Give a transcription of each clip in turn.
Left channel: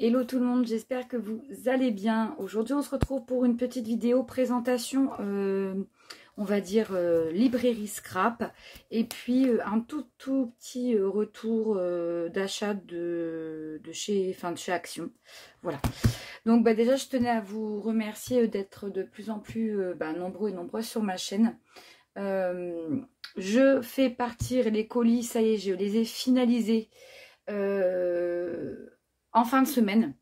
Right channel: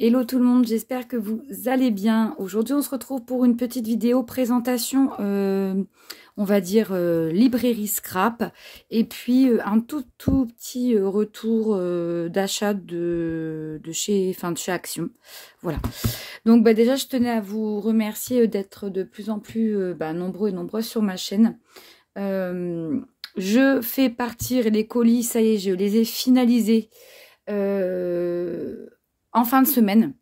Hello tout le monde, j'espère que vous allez bien. Aujourd'hui, on se retrouve pour une petite vidéo présentation, on va dire librairie scrap, et puis un tout petit retour d'achat de chez Action. Voilà. Donc déjà, je tenais à vous remercier d'être de plus en plus nombreux et nombreuses sur ma chaîne. Je fais partir les colis, ça y est, je les ai finalisés. En fin de semaine,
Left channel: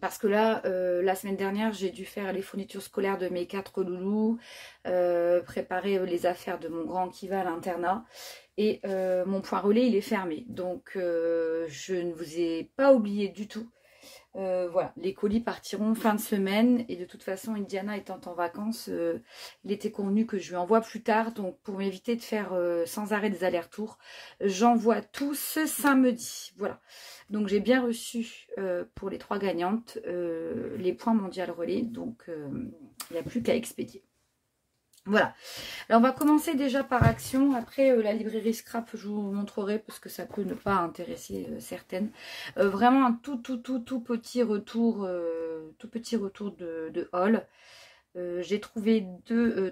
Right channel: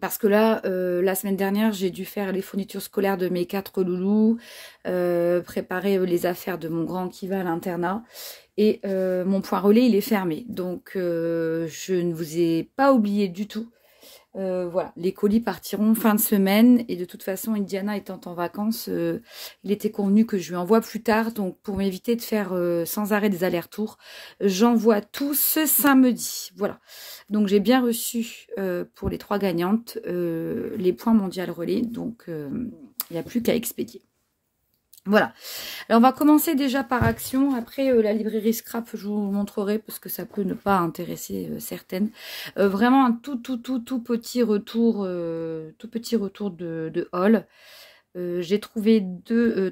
parce que là, la semaine dernière, j'ai dû faire les fournitures scolaires de mes 4 loulous, préparer les affaires de mon grand qui va à l'internat, et mon point relais, il est fermé. Donc, je ne vous ai pas oublié du tout. Voilà, les colis partiront fin de semaine, et de toute façon, Indiana étant en vacances, il était convenu que je lui envoie plus tard. Donc, pour m'éviter de faire sans arrêt des allers-retours, j'envoie tout ce samedi. Voilà. Donc, j'ai bien reçu pour les 3 gagnantes les points mondial relais. Donc, il n'y a plus qu'à expédier. Voilà. Alors, on va commencer déjà par Action. Après, la librairie scrap, je vous montrerai parce que ça peut ne pas intéresser certaines. Vraiment un tout petit retour, de haul. J'ai trouvé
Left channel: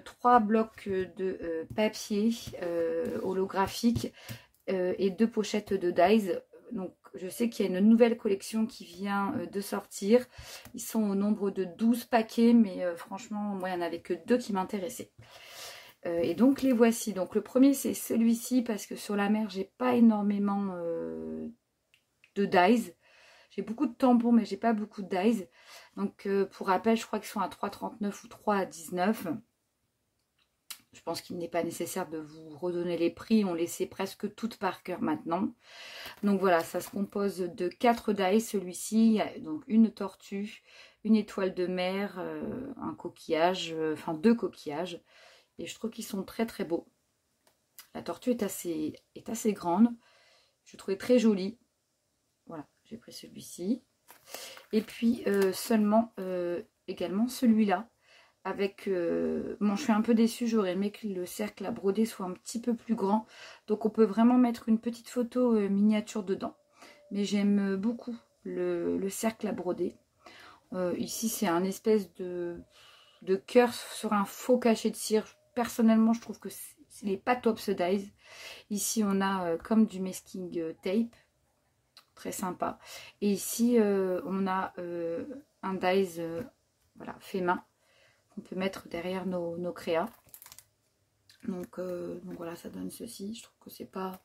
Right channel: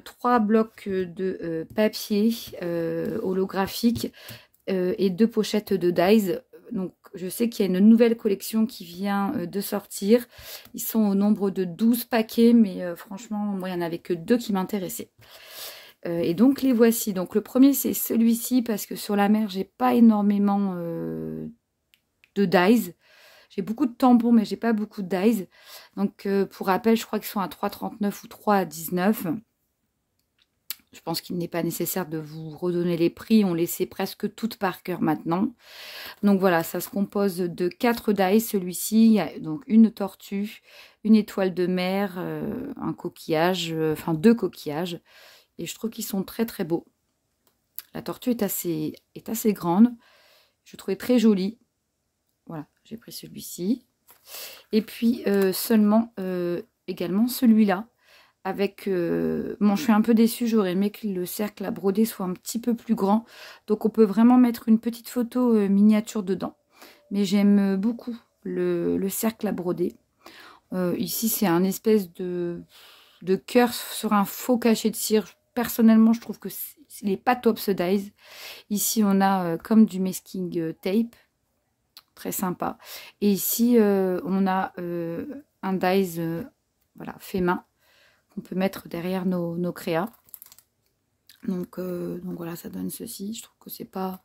3 blocs de papier holographique et 2 pochettes de dies. Donc, je sais qu'il y a une nouvelle collection qui vient de sortir. Ils sont au nombre de 12 paquets, mais franchement, moi, il n'y en avait que 2 qui m'intéressaient. Et donc, les voici. Donc, le premier, c'est celui-ci, parce que sur la mer, j'ai pas énormément de dies. J'ai beaucoup de tambours, mais j'ai pas beaucoup de dies. Donc, pour rappel, je crois qu'ils sont à 3,39 ou 3,19. Je pense qu'il n'est pas nécessaire de vous redonner les prix. On les sait presque toutes par cœur maintenant. Donc voilà, ça se compose de 4 dies. Celui-ci, il y a donc une tortue, une étoile de mer, un coquillage, enfin 2 coquillages. Et je trouve qu'ils sont très beaux. La tortue est assez grande. Je trouvais très jolie. Voilà, j'ai pris celui-ci. Et puis également celui-là. Avec bon, je suis un peu déçue, j'aurais aimé que le cercle à broder soit un petit peu plus grand, donc on peut vraiment mettre une petite photo miniature dedans, mais j'aime beaucoup le cercle à broder. Ici c'est un espèce de cœur sur un faux cachet de cire. Personnellement, je trouve que il n'est pas top ce dies. Ici on a comme du masking tape, très sympa, et ici on a un dies voilà, fait main. On peut mettre derrière nos créas. Donc voilà, ça donne ceci. Je trouve que c'est pas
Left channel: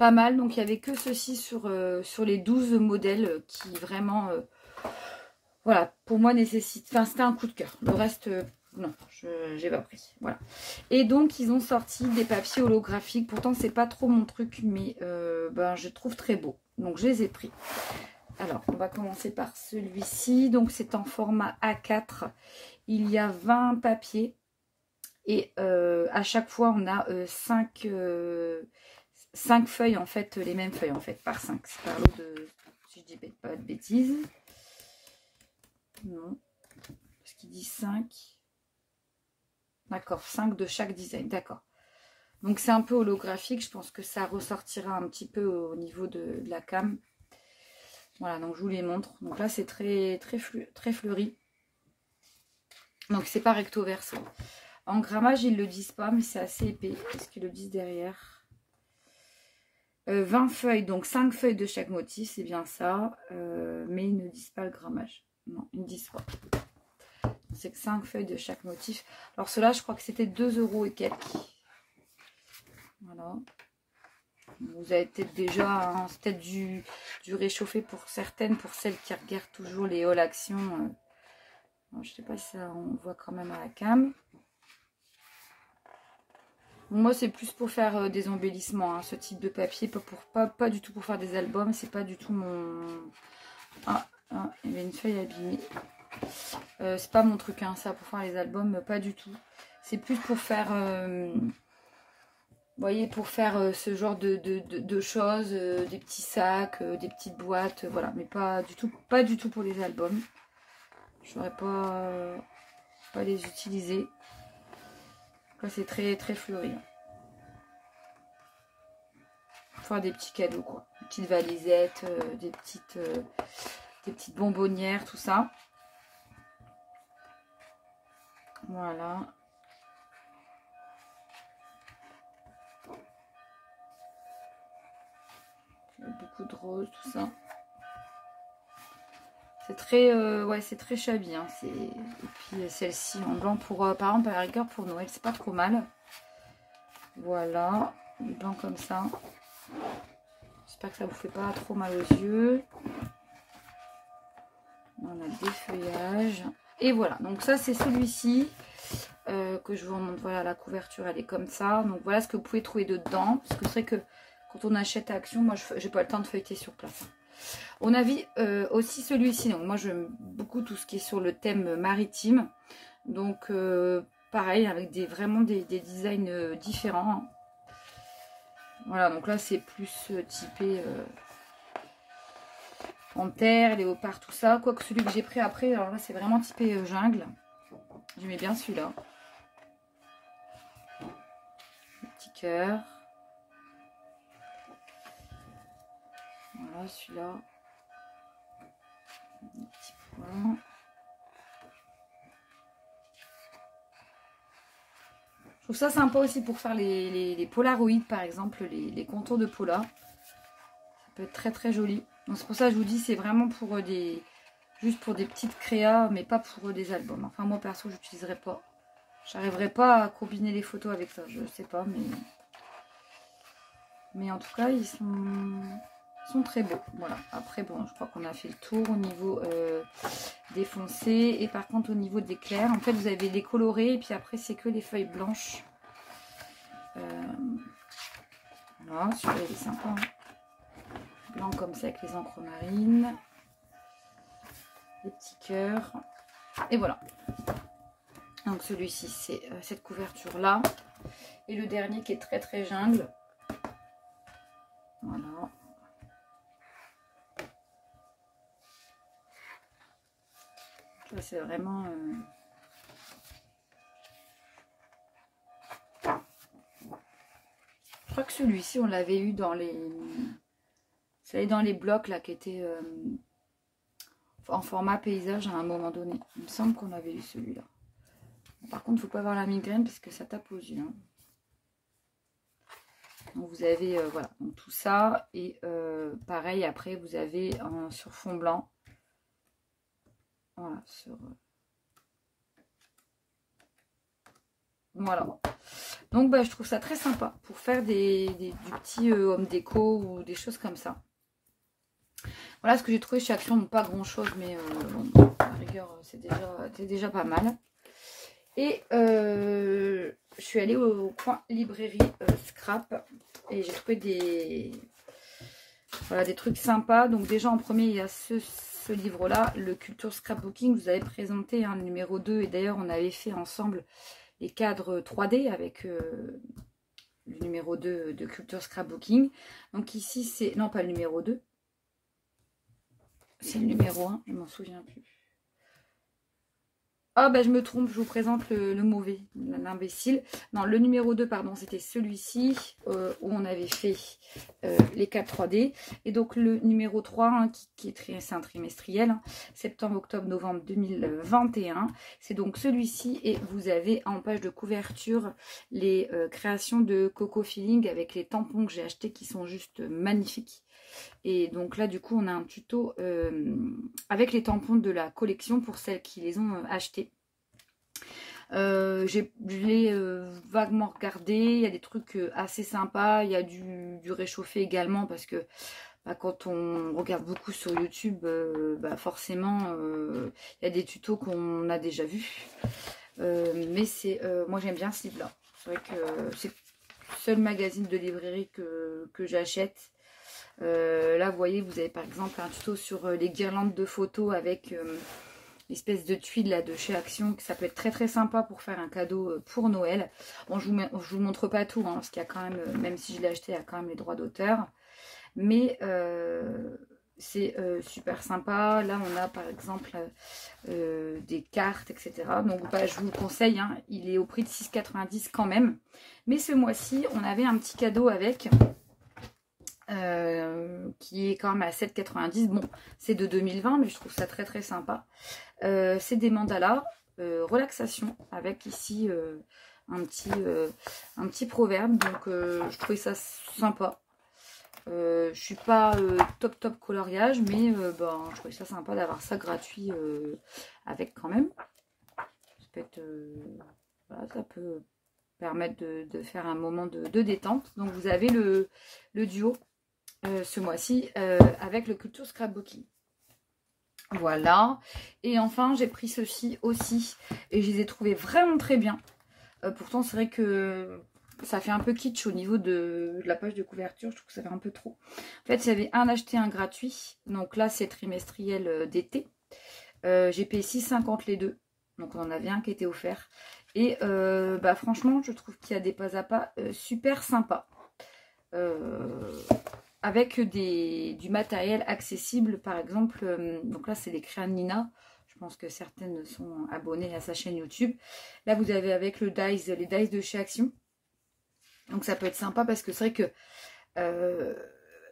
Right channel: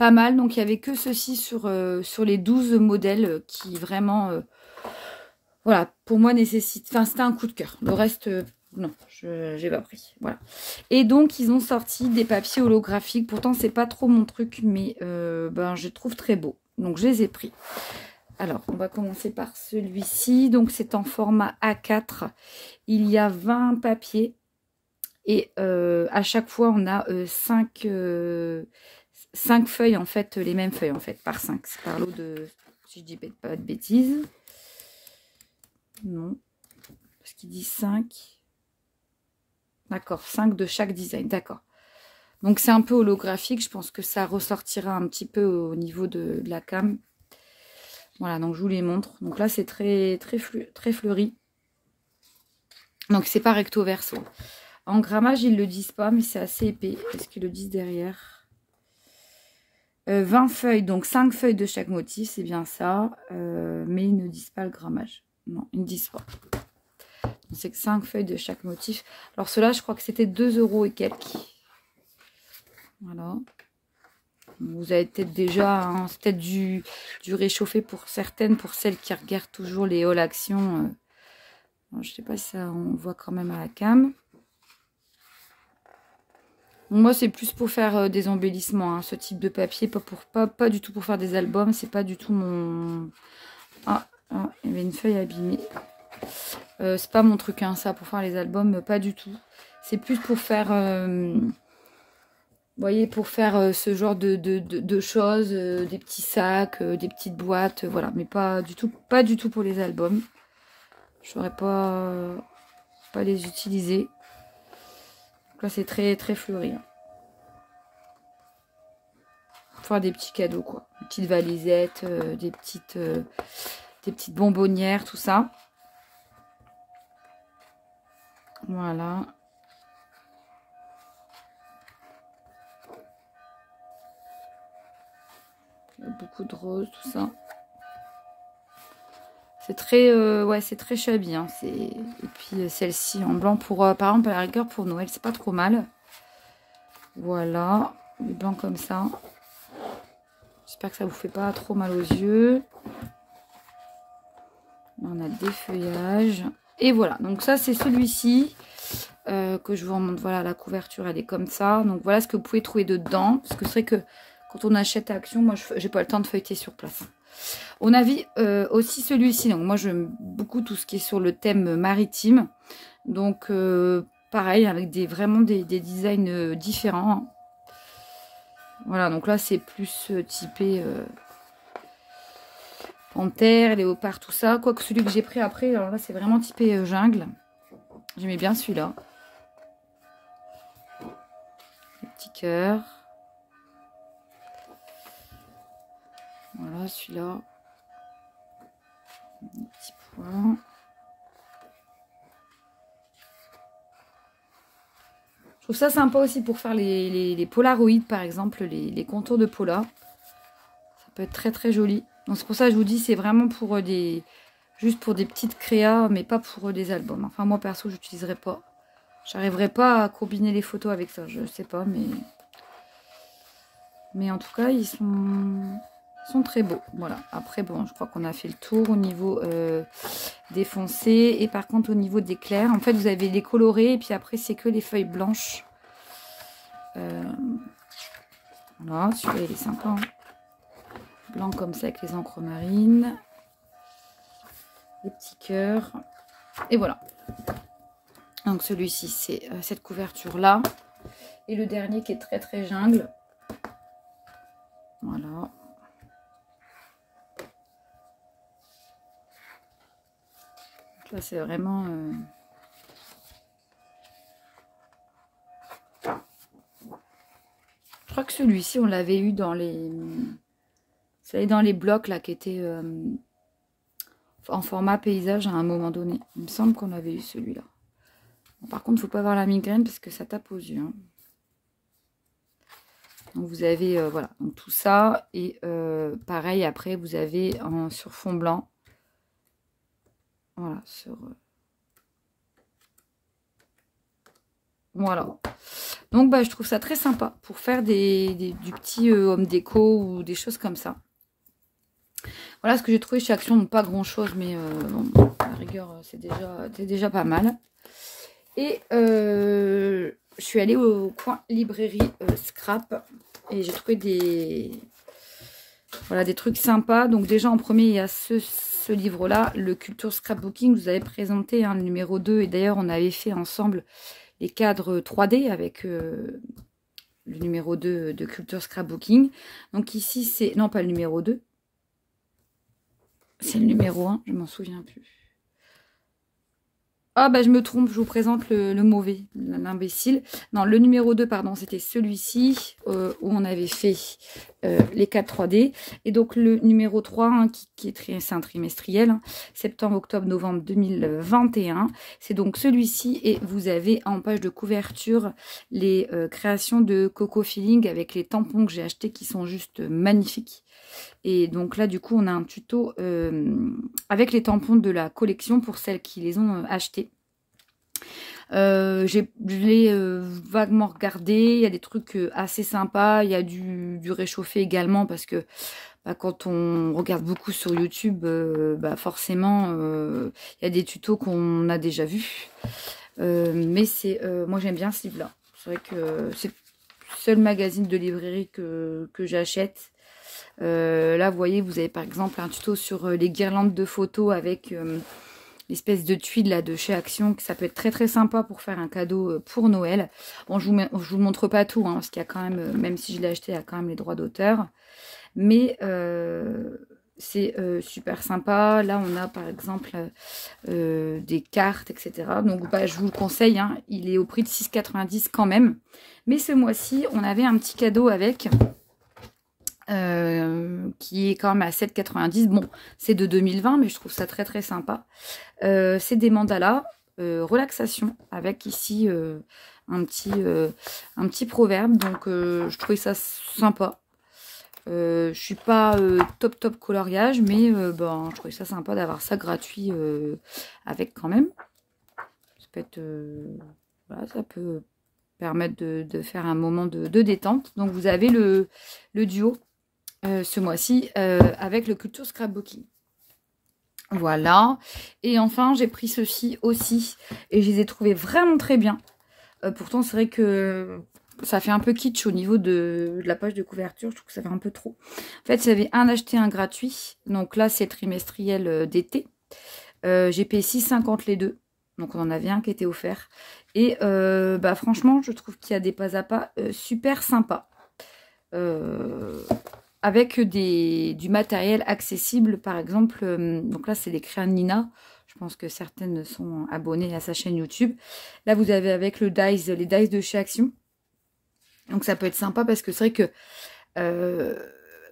mal. Donc il n'y avait que ceci sur les 12 modèles qui vraiment, voilà, pour moi nécessite. Enfin, c'était un coup de cœur. Le reste, non, je n'ai pas pris. Voilà. Et donc ils ont sorti des papiers holographiques. Pourtant, c'est pas trop mon truc, mais je trouve très beau. Donc je les ai pris. Alors, on va commencer par celui-ci. Donc, c'est en format A4. Il y a 20 papiers. Et à chaque fois, on a 5 feuilles, en fait, les mêmes feuilles, en fait, par 5. C'est par lot de, si je dis pas de bêtises. Non, parce qu'il dit 5. D'accord, 5 de chaque design, d'accord. Donc, c'est un peu holographique. Je pense que ça ressortira un petit peu au niveau de la cam. Voilà, donc je vous les montre. Donc là, c'est très fleuri. Donc, c'est pas recto verso. En grammage, ils ne le disent pas, mais c'est assez épais. Est-ce qu'ils le disent derrière? 20 feuilles, donc 5 feuilles de chaque motif, c'est bien ça. Mais ils ne disent pas le grammage. Non, ils ne disent pas. C'est que 5 feuilles de chaque motif. Alors, cela, je crois que c'était 2 € et quelques. Voilà. Vous avez peut-être déjà, hein, c'est peut-être du réchauffé pour certaines, pour celles qui regardent toujours les All Action. Je ne sais pas si ça, on voit quand même à la cam. Moi, c'est plus pour faire des embellissements, hein, ce type de papier, pas du tout pour faire des albums. C'est pas du tout mon... Ah, il y avait une feuille abîmée. C'est pas mon truc, hein, ça, pour faire les albums, pas du tout. C'est plus pour faire... vous voyez, pour faire ce genre de choses, des petits sacs, des petites boîtes, voilà. Mais pas du tout pour les albums. Je n'aurais pas les utiliser. Donc là, c'est très fleuri. Hein. Pour faire des petits cadeaux, quoi. Des petites valisettes, des petites des petites bonbonnières, tout ça. Voilà. Beaucoup de roses, tout ça. C'est très, ouais, c'est très shabby. Hein. Et puis celle-ci en blanc pour, par exemple, à la rigueur pour Noël, c'est pas trop mal. Voilà, du blanc comme ça. J'espère que ça vous fait pas trop mal aux yeux. On a des feuillages. Et voilà, donc ça c'est celui-ci que je vous remonte. Voilà, la couverture elle est comme ça. Donc voilà ce que vous pouvez trouver dedans. Parce que c'est vrai que quand on achète à Action, moi j'ai pas le temps de feuilleter sur place. On a vu aussi celui-ci. Donc moi j'aime beaucoup tout ce qui est sur le thème maritime. Donc pareil, avec vraiment des designs différents. Voilà, donc là c'est plus typé panthère, léopard, tout ça. Quoique celui que j'ai pris après, alors là c'est vraiment typé jungle. J'aimais bien celui-là. Le petit cœur. Voilà, celui-là. Un petit point. Je trouve ça sympa aussi pour faire les polaroïdes, par exemple, les contours de polar. Ça peut être très très joli. Donc c'est pour ça que je vous dis, c'est vraiment pour juste pour des petites créas, mais pas pour des albums. Enfin moi perso, je n'utiliserai pas. J'arriverai pas à combiner les photos avec ça, je sais pas, mais en tout cas, ils sont très beaux. Voilà. Après, bon, je crois qu'on a fait le tour au niveau des foncés. Et par contre, au niveau des clairs, en fait, vous avez les colorés. Et puis après, c'est que les feuilles blanches. Voilà, celui-là, il est sympa. Hein. Blanc comme ça, avec les encres marines. Les petits cœurs. Et voilà. Donc, celui-ci, c'est cette couverture-là. Et le dernier qui est très, très jungle. Voilà. Là, c'est vraiment... Je crois que celui-ci, on l'avait eu dans les... Vous savez, dans les blocs, là, qui étaient en format paysage à un moment donné. Il me semble qu'on avait eu celui-là. Par contre, il ne faut pas avoir la migraine parce que ça tape aux yeux. Hein. Donc, vous avez, voilà, donc tout ça. Et pareil, après, vous avez sur fond blanc. Voilà, sur... Voilà. Donc, bah, je trouve ça très sympa pour faire du petit home déco ou des choses comme ça. Voilà ce que j'ai trouvé chez Action. Donc, pas grand-chose, mais à la rigueur, c'est déjà pas mal. Et je suis allée au coin librairie Scrap et j'ai trouvé des trucs sympas. Donc, déjà, en premier, il y a ce livre-là, le Culture Scrapbooking. Vous avez présenté le numéro 2 et d'ailleurs, on avait fait ensemble les cadres 3D avec le numéro 2 de Culture Scrapbooking. Donc ici, c'est... Non, pas le numéro 2. C'est le numéro 1, je m'en souviens plus. Ah, bah je me trompe, je vous présente le mauvais, l'imbécile. Non, le numéro 2, pardon, c'était celui-ci où on avait fait les 4 3D. Et donc le numéro 3, qui est un trimestriel, septembre, octobre, novembre 2021. C'est donc celui-ci et vous avez en page de couverture les créations de Coco Feeling avec les tampons que j'ai achetés qui sont juste magnifiques. Et donc là, du coup, on a un tuto avec les tampons de la collection pour celles qui les ont achetés. Je l'ai vaguement regardé. Il y a des trucs assez sympas. Il y a du réchauffé également parce que quand on regarde beaucoup sur YouTube, forcément, il y a des tutos qu'on a déjà vus. Mais moi, j'aime bien ce livre-là. C'est vrai que c'est le seul magazine de librairie que j'achète. Là vous voyez, vous avez par exemple un tuto sur les guirlandes de photos avec l'espèce de tuile là de chez Action, que ça peut être très très sympa pour faire un cadeau pour Noël. Bon, je vous montre pas tout parce qu'il y a quand même si je l'ai acheté, il y a quand même les droits d'auteur, mais c'est super sympa. Là on a par exemple des cartes, etc. Donc je vous le conseille, il est au prix de 6,90 quand même, mais ce mois-ci on avait un petit cadeau avec qui est quand même à 7,90. Bon, c'est de 2020, mais je trouve ça très très sympa. C'est des mandalas relaxation avec ici un petit proverbe. Donc je trouvais ça sympa. Je suis pas top coloriage, mais ben, je trouvais ça sympa d'avoir ça gratuit avec quand même. Ça peut être, voilà, ça peut permettre de faire un moment de détente. Donc vous avez le duo ce mois-ci avec le Culture Scrapbooking. Voilà. Et enfin, j'ai pris ceci aussi et je les ai trouvés vraiment très bien. Pourtant, c'est vrai que ça fait un peu kitsch au niveau de la page de couverture. Je trouve que ça fait un peu trop. En fait, il y avait un acheté, un gratuit. Donc là, c'est trimestriel d'été. J'ai payé 6,50 les deux. Donc on en avait un qui était offert. Et bah, franchement, je trouve qu'il y a des pas à pas super sympas. Avec du matériel accessible, par exemple. Donc là, c'est les crayons Nina. Je pense que certaines sont abonnées à sa chaîne YouTube. Là, vous avez avec les dies de chez Action. Donc ça peut être sympa parce que c'est vrai que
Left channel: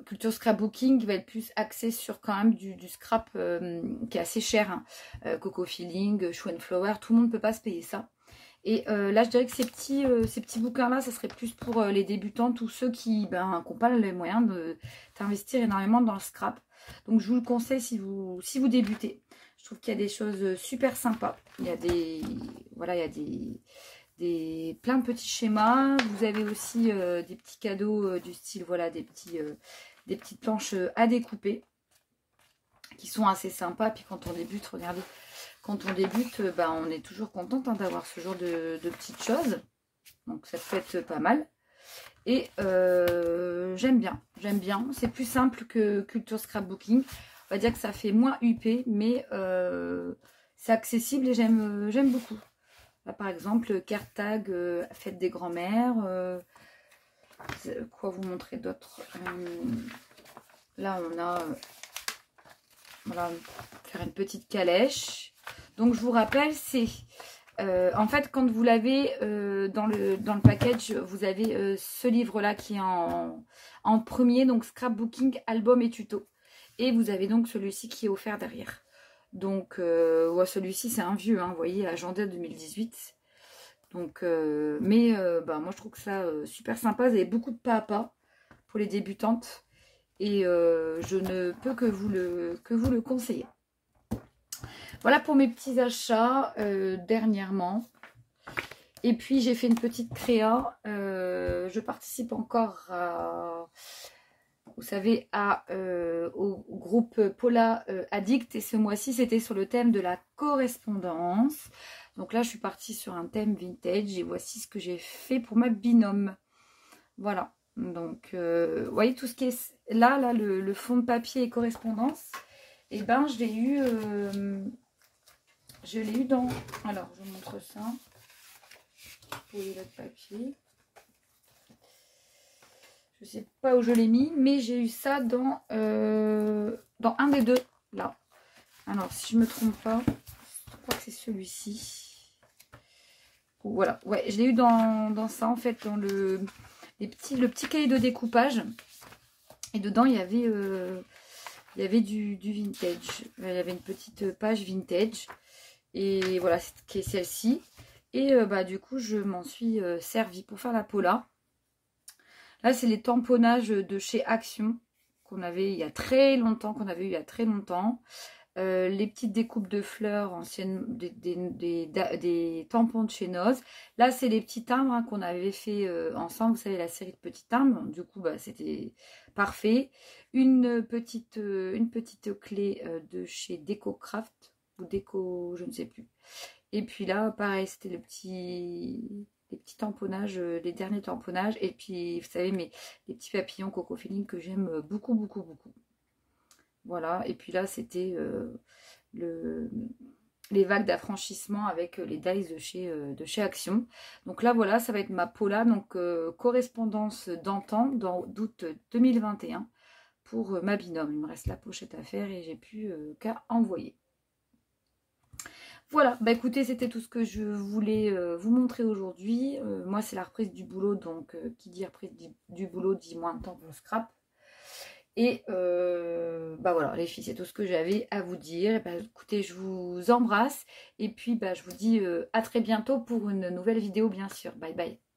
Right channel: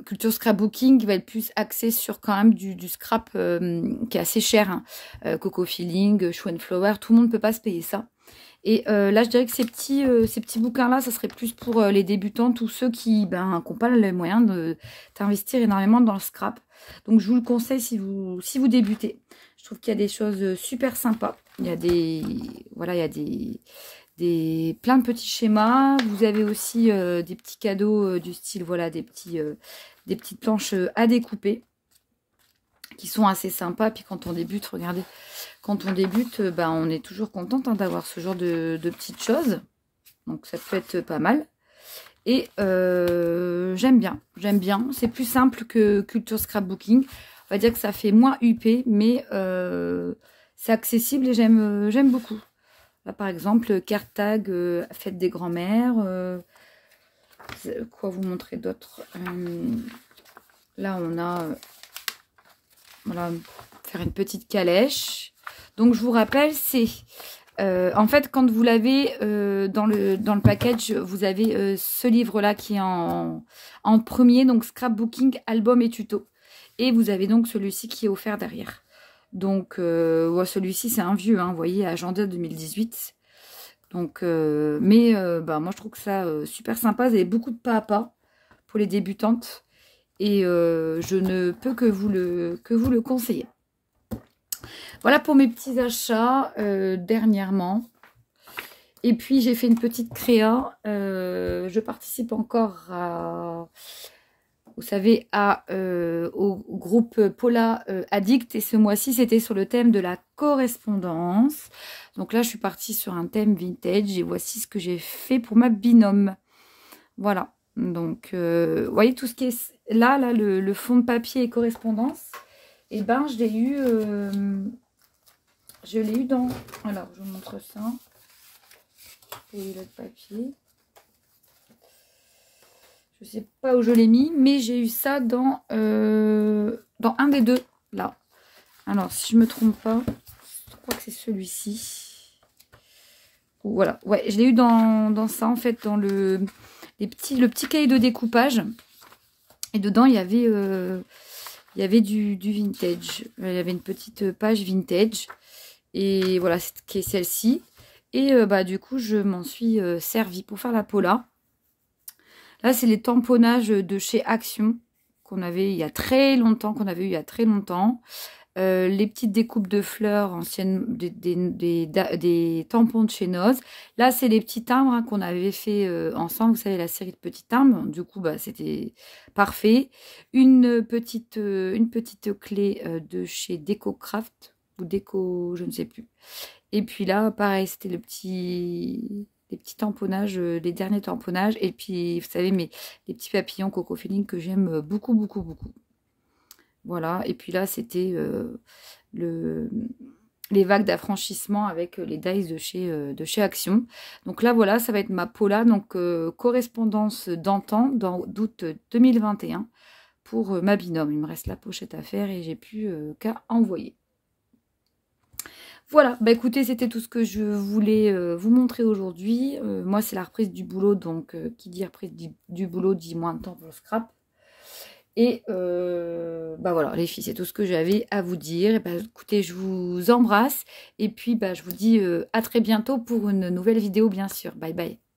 Culture Scrapbooking va être plus axé sur quand même du scrap qui est assez cher. Hein. Coco Feeling, Show and Flower, tout le monde ne peut pas se payer ça. Et là, je dirais que ces petits bouquins-là, ça serait plus pour les débutants, tous ceux qui n'ont pas les moyens d'investir énormément dans le scrap. Donc, je vous le conseille si vous débutez. Je trouve qu'il y a des choses super sympas. Il y a voilà, il y a plein de petits schémas. Vous avez aussi des petits cadeaux du style, voilà, des petites planches à découper qui sont assez sympas. Puis quand on débute, regardez, quand on débute, bah, on est toujours contente hein, d'avoir ce genre de petites choses. Donc ça peut être pas mal. Et j'aime bien. C'est plus simple que Culture Scrapbooking. On va dire que ça fait moins huppé, mais c'est accessible et j'aime beaucoup. Là par exemple, carte tag, fête des grands-mères. Quoi vous montrer d'autres là on a... voilà, faire une petite calèche. Donc je vous rappelle, c'est en fait quand vous l'avez dans le package, vous avez ce livre-là qui est en premier, donc Scrapbooking, album et tuto. Et vous avez donc celui-ci qui est offert derrière. Donc ouais, celui-ci c'est un vieux, hein, vous voyez, agenda 2018. Donc, bah, moi je trouve que ça super sympa. Vous avez beaucoup de pas à pas pour les débutantes. Et je ne peux que vous le conseiller. Voilà pour mes petits achats dernièrement. Et puis j'ai fait une petite créa. Je participe encore à, vous savez, au groupe Paula Addict. Et ce mois-ci, c'était sur le thème de la correspondance. Donc là, je suis partie sur un thème vintage. Et voici ce que j'ai fait pour ma binôme. Voilà. Donc, vous voyez tout ce qui est là le fond de papier et correspondance. Et ben, je l'ai eu dans... Alors, je vous montre ça. Et le papier. Je sais pas où je l'ai mis, mais j'ai eu ça dans un des deux, là. Alors, si je me trompe pas, je crois que c'est celui-ci. Voilà, ouais, je l'ai eu dans ça, en fait, dans le petit cahier de découpage. Et dedans, il y avait du vintage. Il y avait une petite page vintage. Et voilà, qui est celle-ci. Et bah, du coup, je m'en suis servi pour faire la Paula. Là, c'est les tamponnages de chez Action qu'on avait il y a très longtemps, les petites découpes de fleurs anciennes, des tampons de chez Noz. Là, c'est les petits timbres hein, qu'on avait fait ensemble. Vous savez, la série de petits timbres. Du coup, bah, c'était parfait. Une petite clé de chez DecoCraft ou Deco, je ne sais plus. Et puis là, pareil, c'était les petits tamponnages, les derniers tamponnages. Et puis, vous savez, les petits papillons Coco Feeling que j'aime beaucoup, beaucoup, beaucoup. Voilà, et puis là, c'était les vagues d'affranchissement avec les dies de chez Action. Donc là, voilà, ça va être ma Paula, donc correspondance d'antan, d'août 2021, pour ma binôme. Il me reste la pochette à faire et j'ai plus qu'à envoyer. Voilà, bah écoutez, c'était tout ce que je voulais vous montrer aujourd'hui. Moi, c'est la reprise du boulot, donc qui dit reprise du boulot dit moins de temps pour le scrap. Et bah voilà, les filles, c'est tout ce que j'avais à vous dire. Et bah, écoutez, je vous embrasse. Et puis, bah, je vous dis à très bientôt pour une nouvelle vidéo, bien sûr. Bye bye.